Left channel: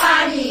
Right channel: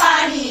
पाणी